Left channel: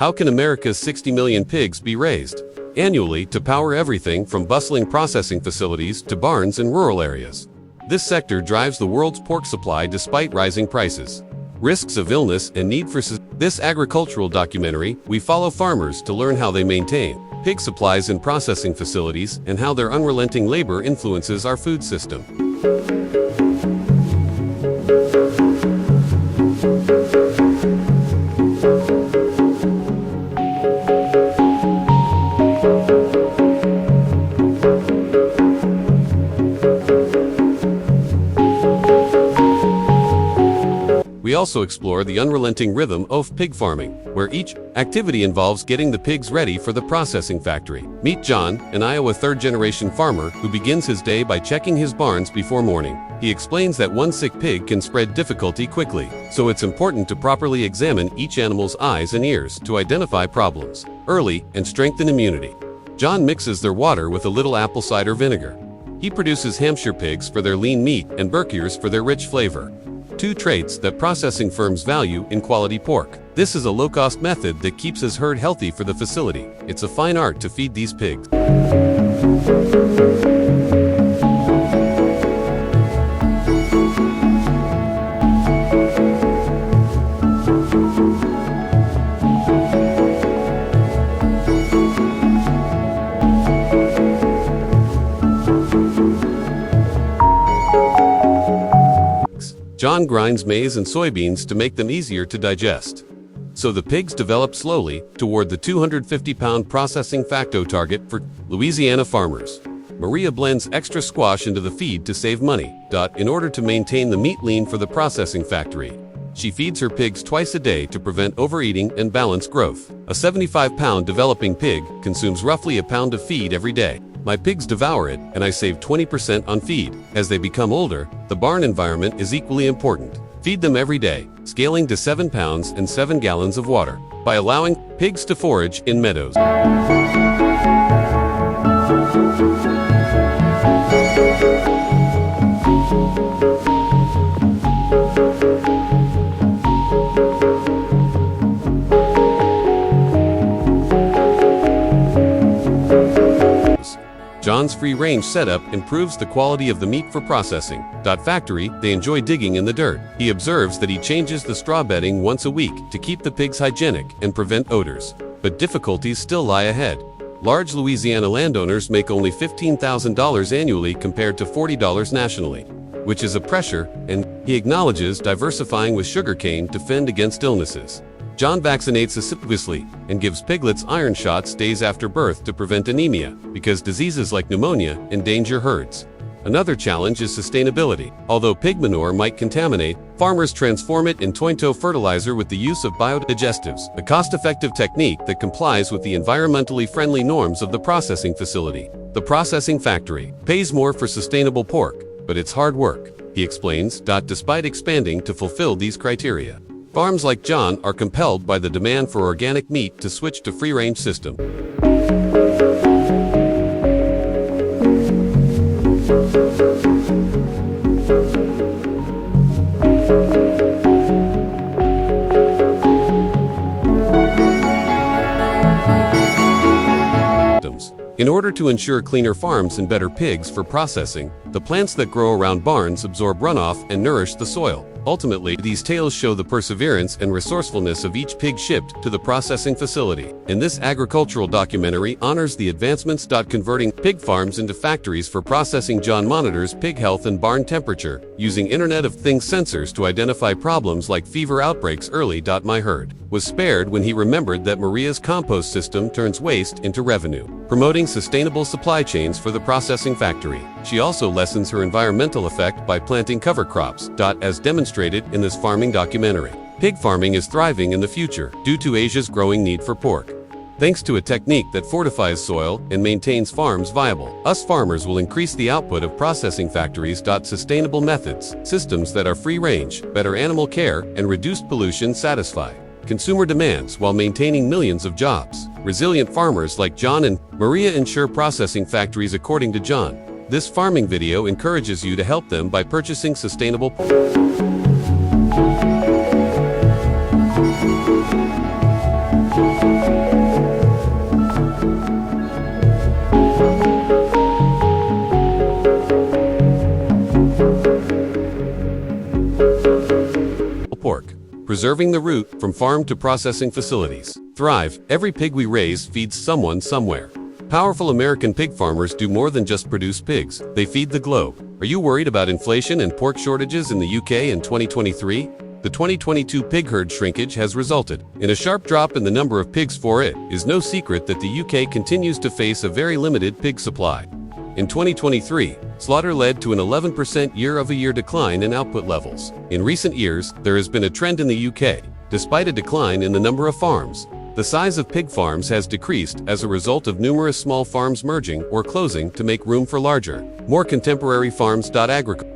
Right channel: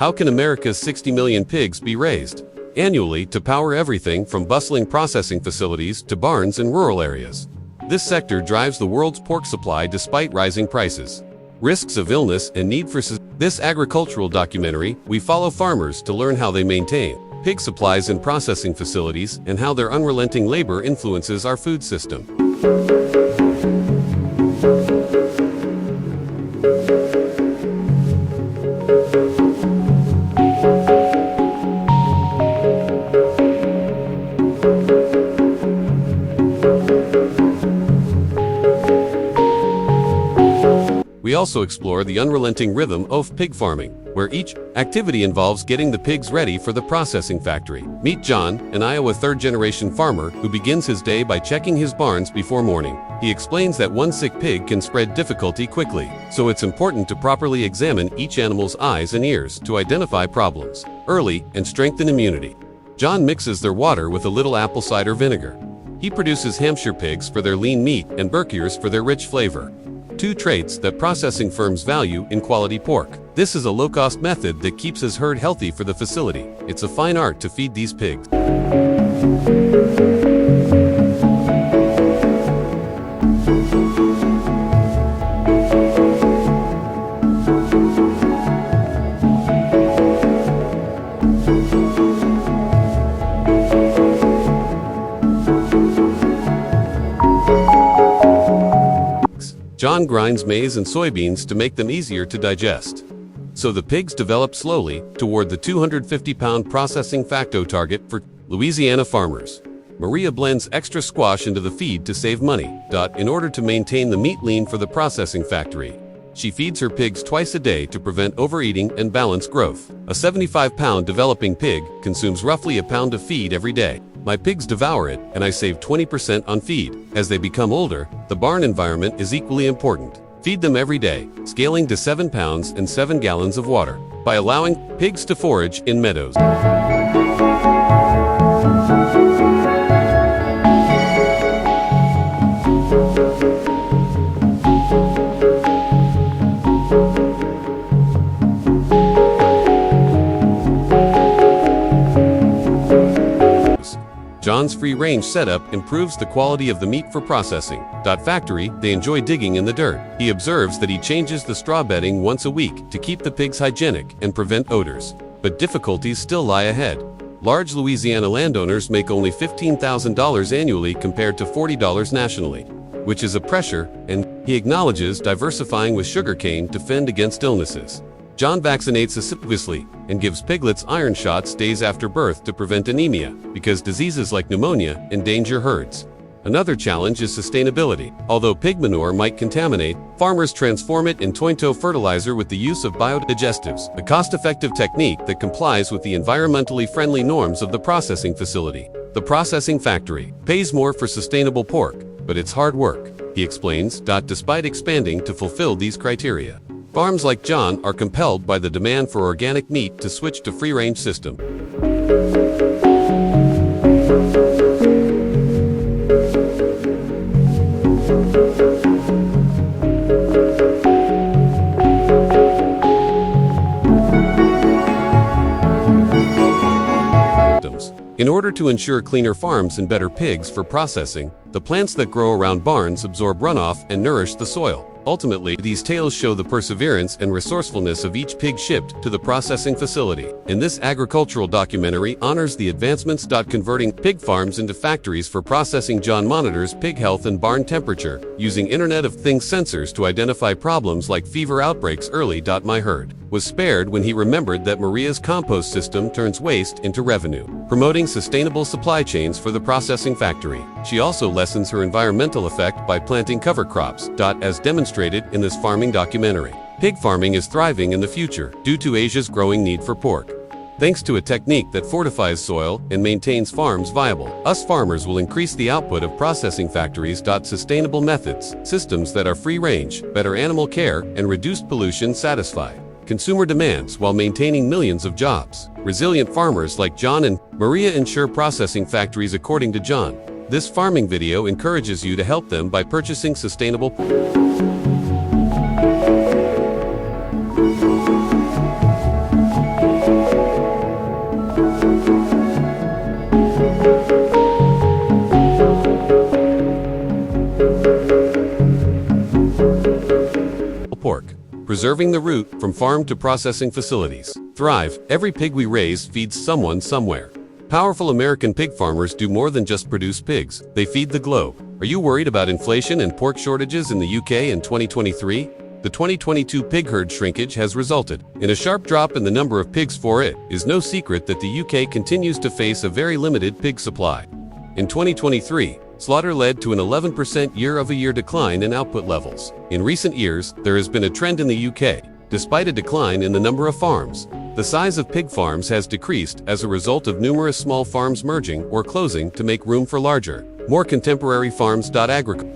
How can America's 60 million pigs be raised annually to power everything from bustling processing facilities to barns in rural areas? This sector drives the world's pork supply despite rising prices, risks of illness, and need for this agricultural documentary, we follow farmers to learn how they maintain pig supplies in processing facilities and how their unrelenting labor influences our food system. We also explore the unrelenting rhythm of pig farming, where each activity involves getting the pigs ready for the processing factory. Meet John, an Iowa third-generation farmer who begins his day by checking his barns before morning. He explains that one sick pig can spread difficulty quickly, so it's important to properly examine each animal's eyes and ears to identify problems early and strengthen immunity. John mixes their water with a little apple cider vinegar. He produces Hampshire pigs for their lean meat and Berkshires for their rich flavor, two traits that processing firms value in quality pork. This is a low-cost method that keeps his herd healthy for the facility. It's a fine art to feed these pigs. John grinds maize and soybeans to make them easier to digest, so the pigs develop slowly toward the 250-pound processing facto target for Louisiana farmers. Maria blends extra squash into the feed to save money. In order to maintain the meat lean for the processing factory, she feeds her pigs twice a day to prevent overeating and balance growth. A 75-pound developing pig consumes roughly a pound of feed every day. My pigs devour it, and I save 20% on feed. As they become older, the barn environment is equally important. Feed them every day, scaling to 7 pounds and 7 gallons of water, by allowing pigs to forage in meadows. John's free-range setup improves the quality of the meat for processing. Factory, they enjoy digging in the dirt. He observes that he changes the straw bedding once a week to keep the pigs hygienic and prevent odors. But difficulties still lie ahead. Large Louisiana landowners make only $15,000 annually compared to $40 nationally, which is a pressure, and he acknowledges diversifying with sugarcane to fend against illnesses. John vaccinates assiduously and gives piglets iron shots days after birth to prevent anemia, because diseases like pneumonia endanger herds. Another challenge is sustainability. Although pig manure might contaminate, farmers transform it in tointo fertilizer with the use of biodigestives, a cost-effective technique that complies with the environmentally friendly norms of the processing facility. The processing factory pays more for sustainable pork, but it's hard work, he explains. Despite expanding to fulfill these criteria, farms like John are compelled by the demand for organic meat to switch to free-range system. In order to ensure cleaner farms and better pigs for processing, the plants that grow around barns absorb runoff and nourish the soil. Ultimately, these tales show the perseverance and resourcefulness of each pig shipped to the processing facility. And this agricultural documentary honors the advancements. Converting pig farms into factories for processing. John monitors pig health and barn temperature, using Internet of Things sensors to identify problems like fever outbreaks early. My herd was spared when he remembered that Maria's compost system turns waste into revenue, promoting sustainable supply chains for the processing factory. She also lessens her environmental effect by planting cover crops. As demonstrated in this farming documentary, pig farming is thriving in the future due to Asia's growing need for pork. Thanks to a technique that fortifies soil and maintains farms viable, us farmers will increase the output of processing factories. Sustainable methods, systems that are free-range, better animal care, and reduced pollution satisfy consumer demands while maintaining millions of jobs. Resilient farmers like John and Maria ensure processing factories. According to John, this farming video encourages you to help them by purchasing sustainable pork. preserving the route from farm to processing facilities. Thrive. Every pig we raise feeds someone somewhere. Powerful American pig farmers do more than just produce pigs, they feed the globe. Are you worried about inflation and pork shortages in the UK in 2023? The 2022 pig herd shrinkage has resulted in a sharp drop in the number of pigs. For it is no secret that the UK continues to face a very limited pig supply. In 2023, slaughter led to an 11% year-over-year decline in output levels. In recent years, there has been a trend in the UK. Despite a decline in the number of farms, the size of pig farms has decreased as a result of numerous small farms merging or closing to make room for larger, more contemporary farms. Agriculture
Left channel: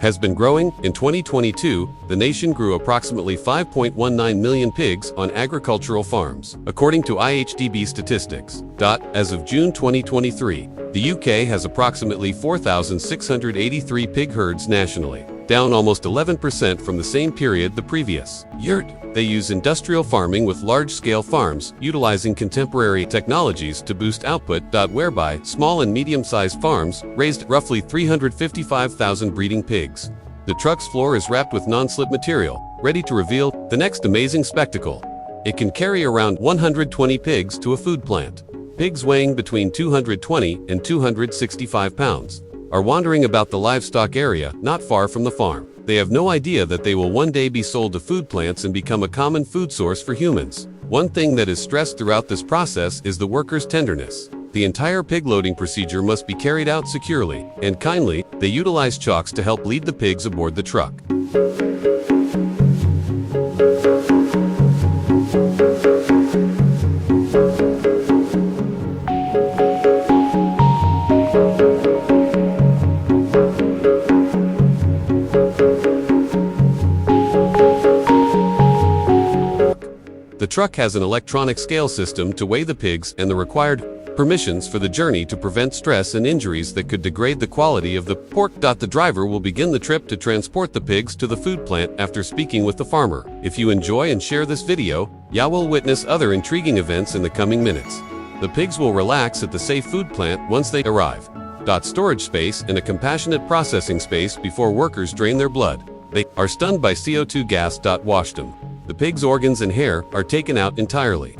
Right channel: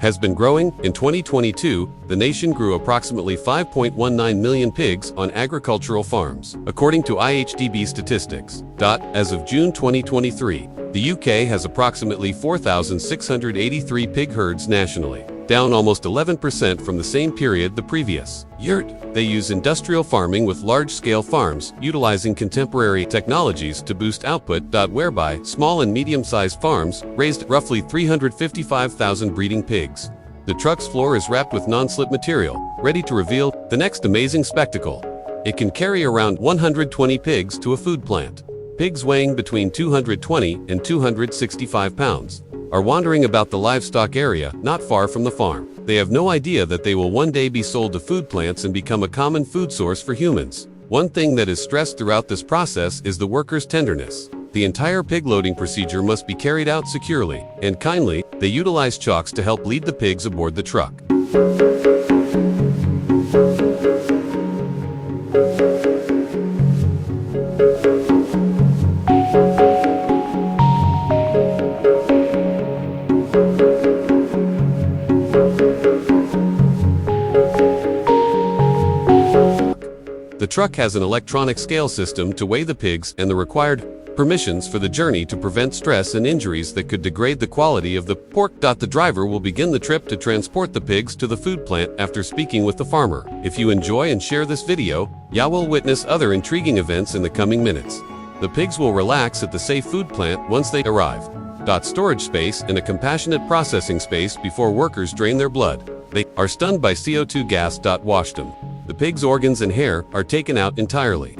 has been growing. In 2022, the nation grew approximately 5.19 million pigs on agricultural farms, according to IHDB statistics. As of June 2023, the UK has approximately 4,683 pig herds nationally, down almost 11% from the same period the previous year. They use industrial farming with large-scale farms, utilizing contemporary technologies to boost output. Whereby small and medium-sized farms raised roughly 355,000 breeding pigs. The truck's floor is wrapped with non-slip material, ready to reveal the next amazing spectacle. It can carry around 120 pigs to a food plant. Pigs weighing between 220 and 265 pounds are wandering about the livestock area not far from the farm. They have no idea that they will one day be sold to food plants and become a common food source for humans. One thing that is stressed throughout this process is the workers' tenderness. The entire pig loading procedure must be carried out securely and kindly. They utilize chalks to help lead the pigs aboard the truck. The truck has an electronic scale system to weigh the pigs and the required permissions for the journey to prevent stress and injuries that could degrade the quality of the pork. The driver will begin the trip to transport the pigs to the food plant after speaking with the farmer. If you enjoy and share this video, you will witness other intriguing events in the coming minutes. The pigs will relax at the safe food plant once they arrive. Storage space and a compassionate processing space before workers drain their blood. They are stunned by CO2 gas. Washed them. The pig's organs and hair are taken out entirely.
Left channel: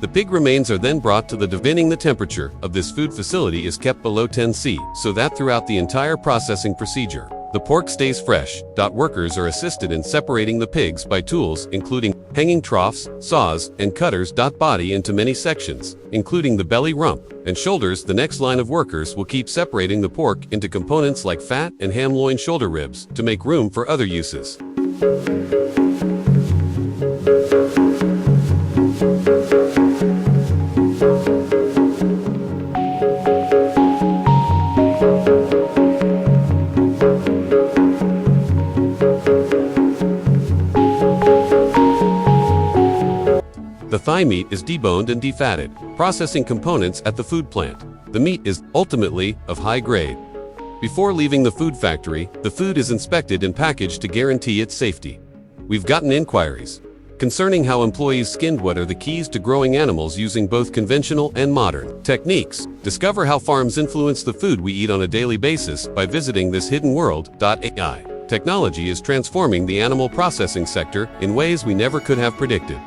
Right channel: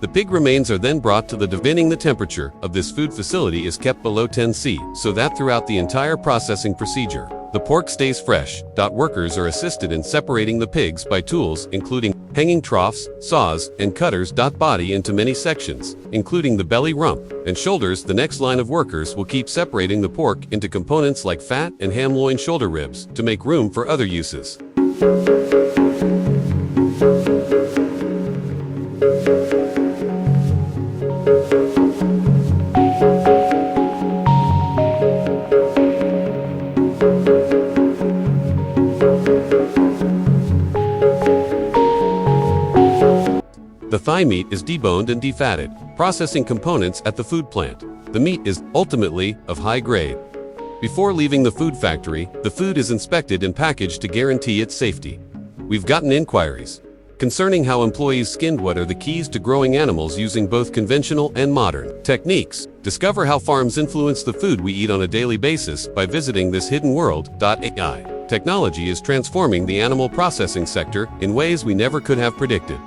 The pig remains are then brought to the divining. The temperature of this food facility is kept below 10 C, so that throughout the entire processing procedure, the pork stays fresh. Workers are assisted in separating the pigs by tools including hanging troughs, saws, and cutters. Body into many sections, including the belly, rump, and shoulders. The next line of workers will keep separating the pork into components like fat and ham, loin, shoulder ribs to make room for other uses. The thigh meat is deboned and defatted, processing components at the food plant. The meat is ultimately of high grade. Before leaving the food factory, the food is inspected and packaged to guarantee its safety. We've gotten inquiries concerning how employees skinned. What are the keys to growing animals using both conventional and modern techniques? Discover how farms influence the food we eat on a daily basis by visiting this hidden world. AI technology is transforming the animal processing sector in ways we never could have predicted.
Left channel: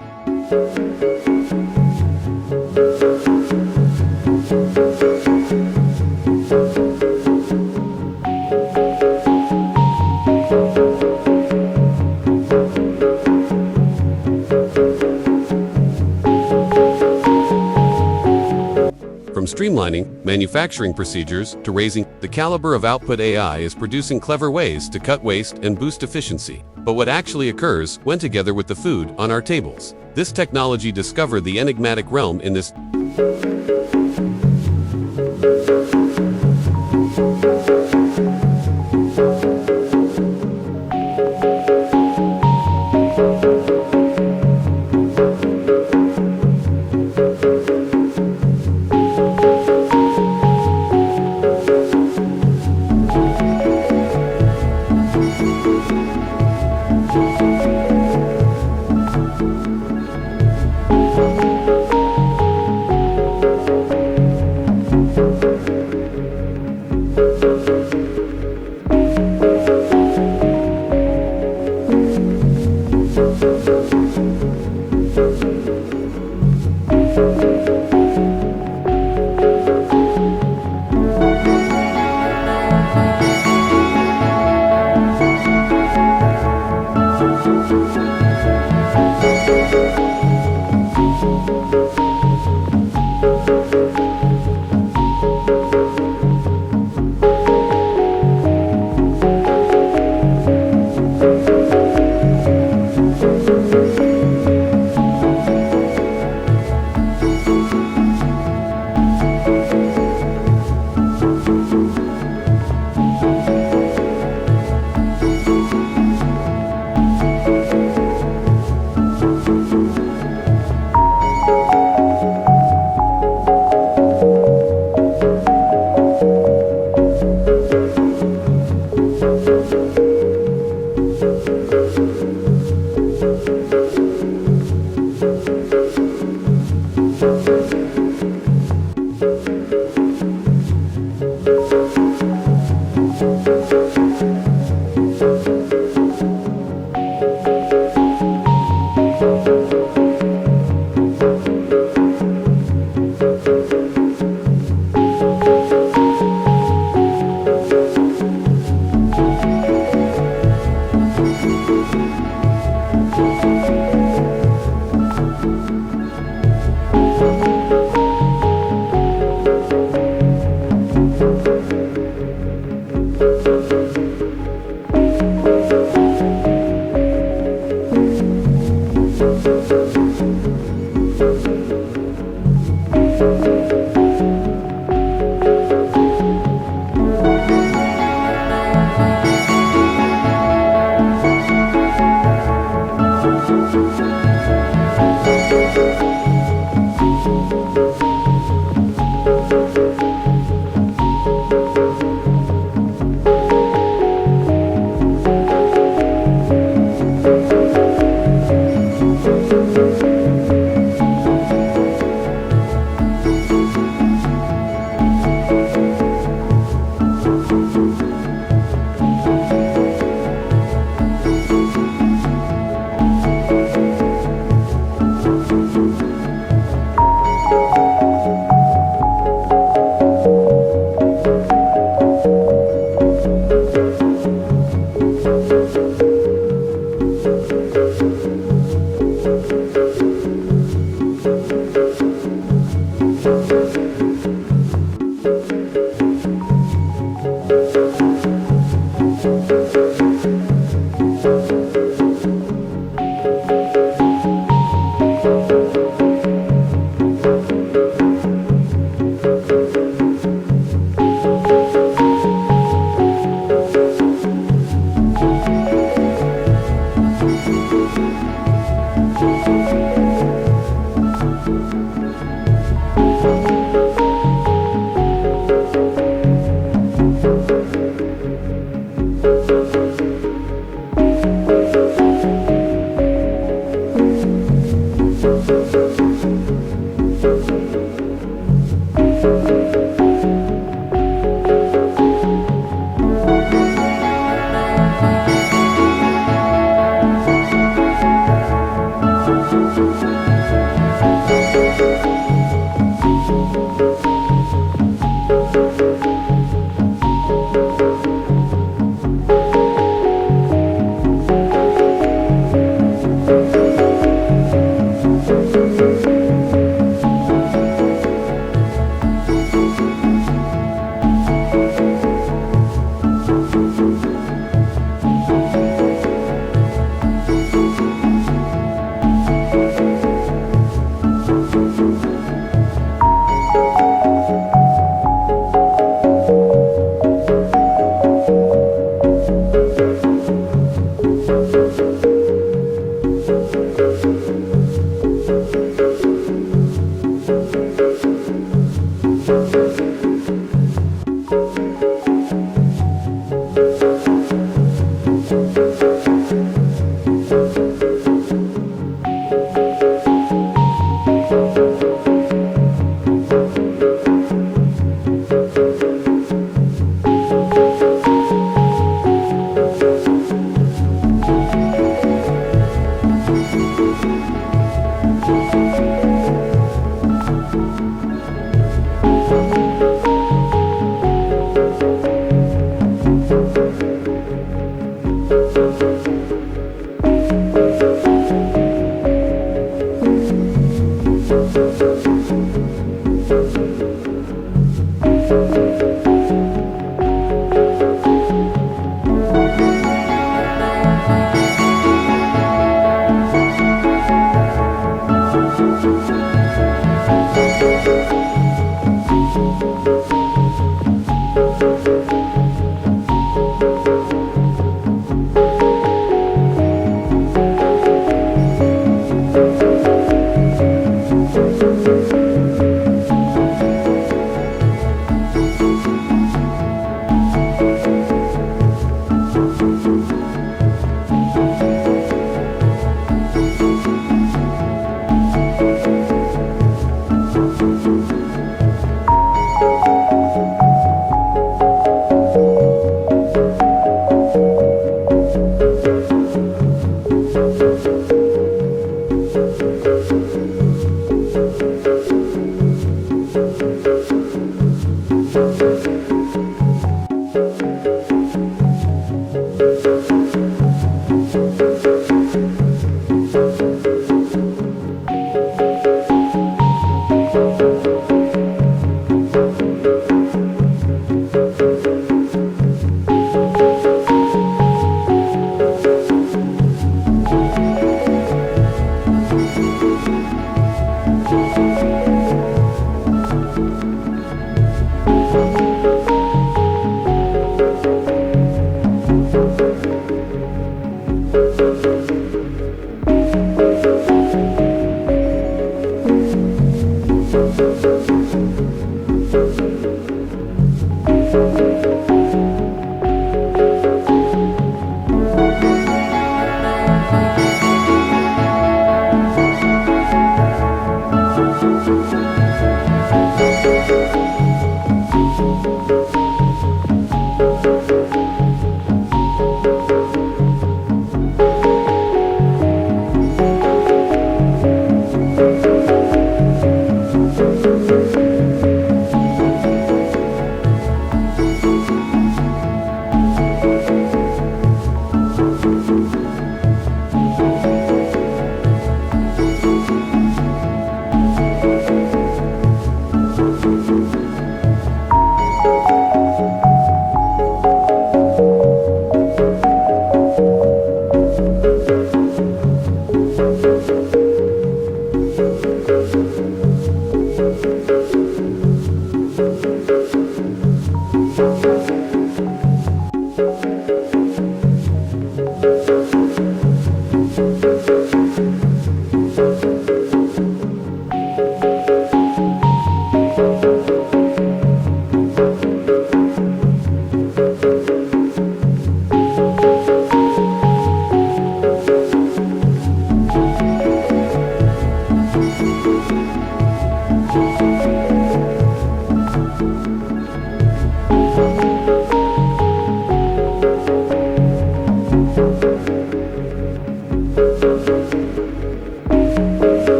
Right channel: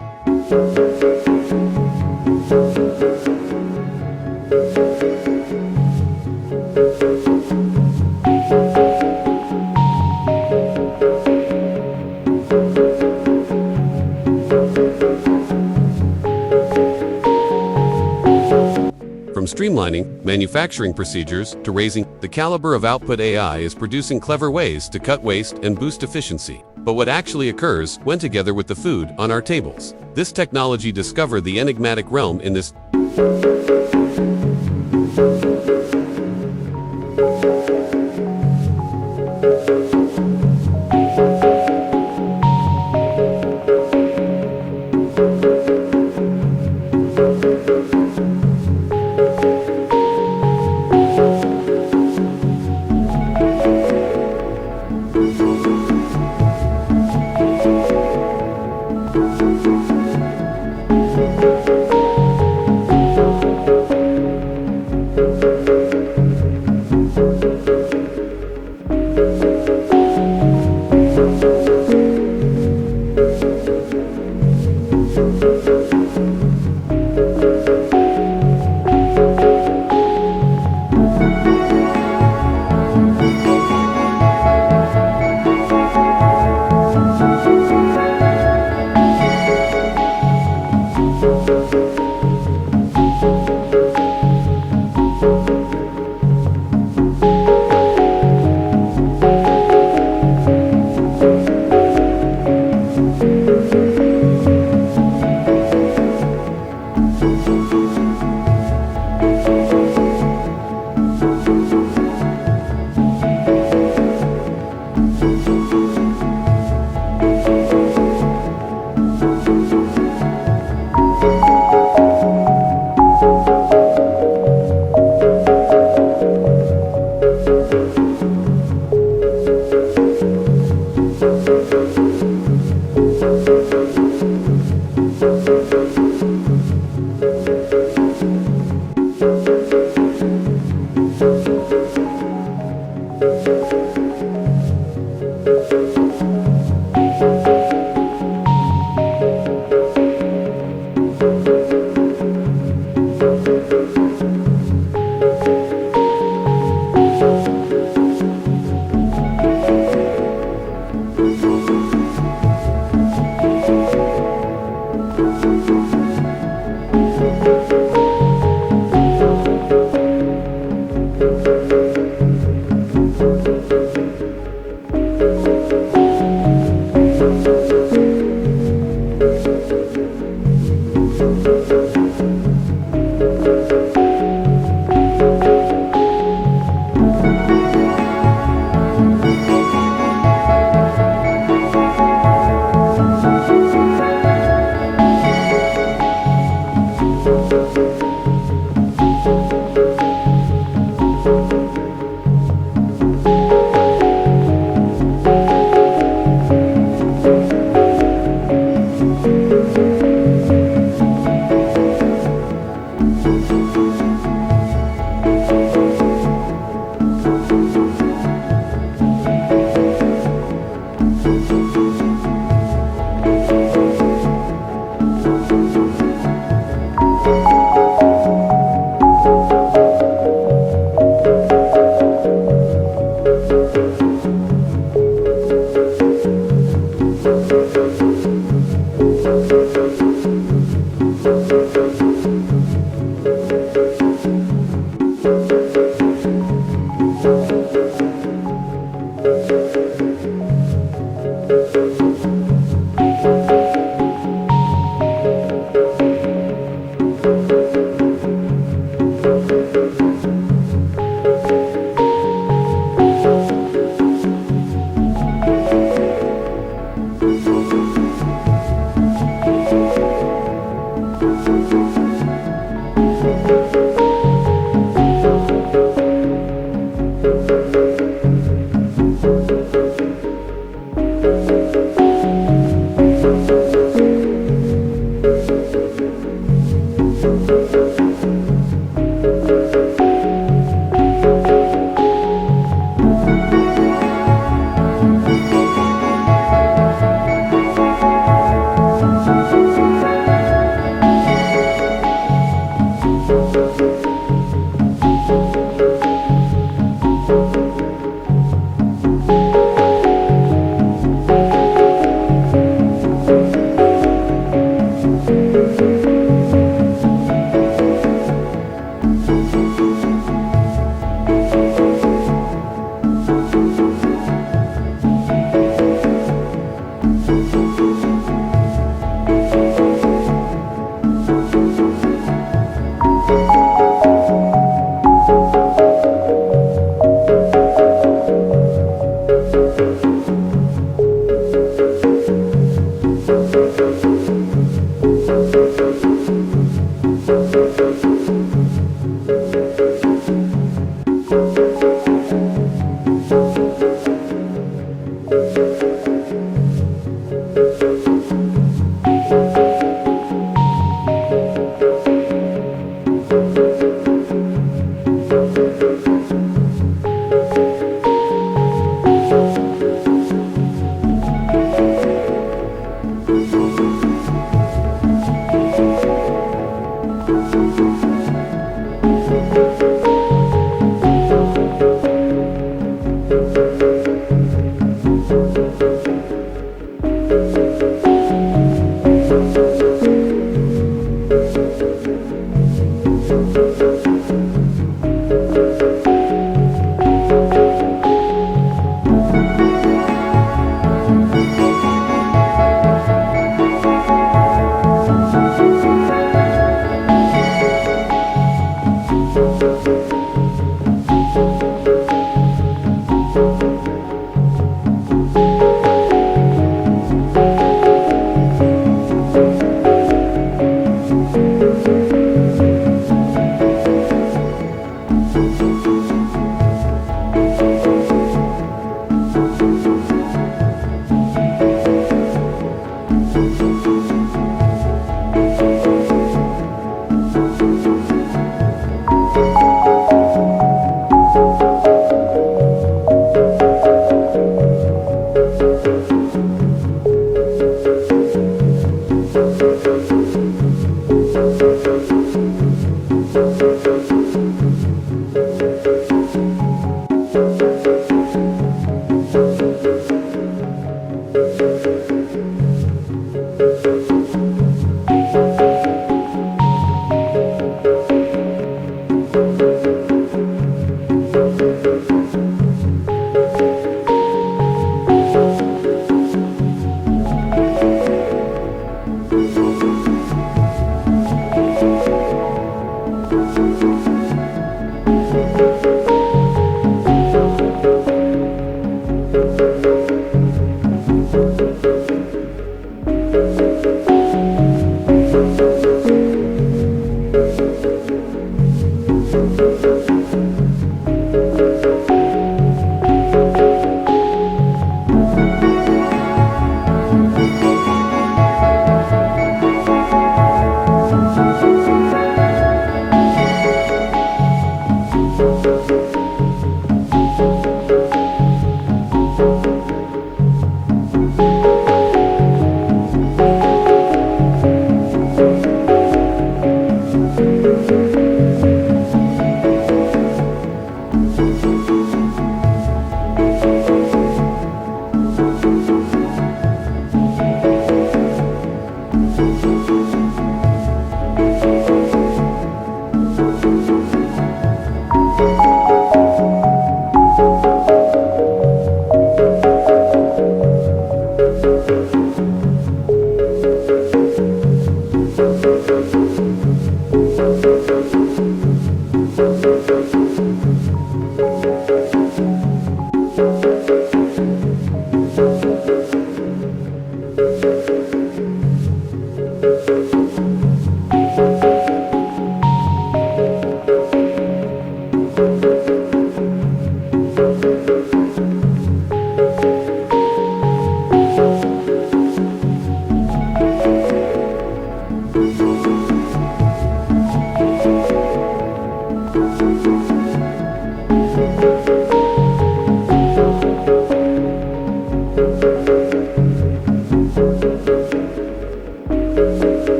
From streamlining manufacturing procedures to raising the caliber of output, AI is producing clever ways to cut waste and boost efficiency. But what actually occurs when together with the food on our tables? This technology discovered the enigmatic realm in this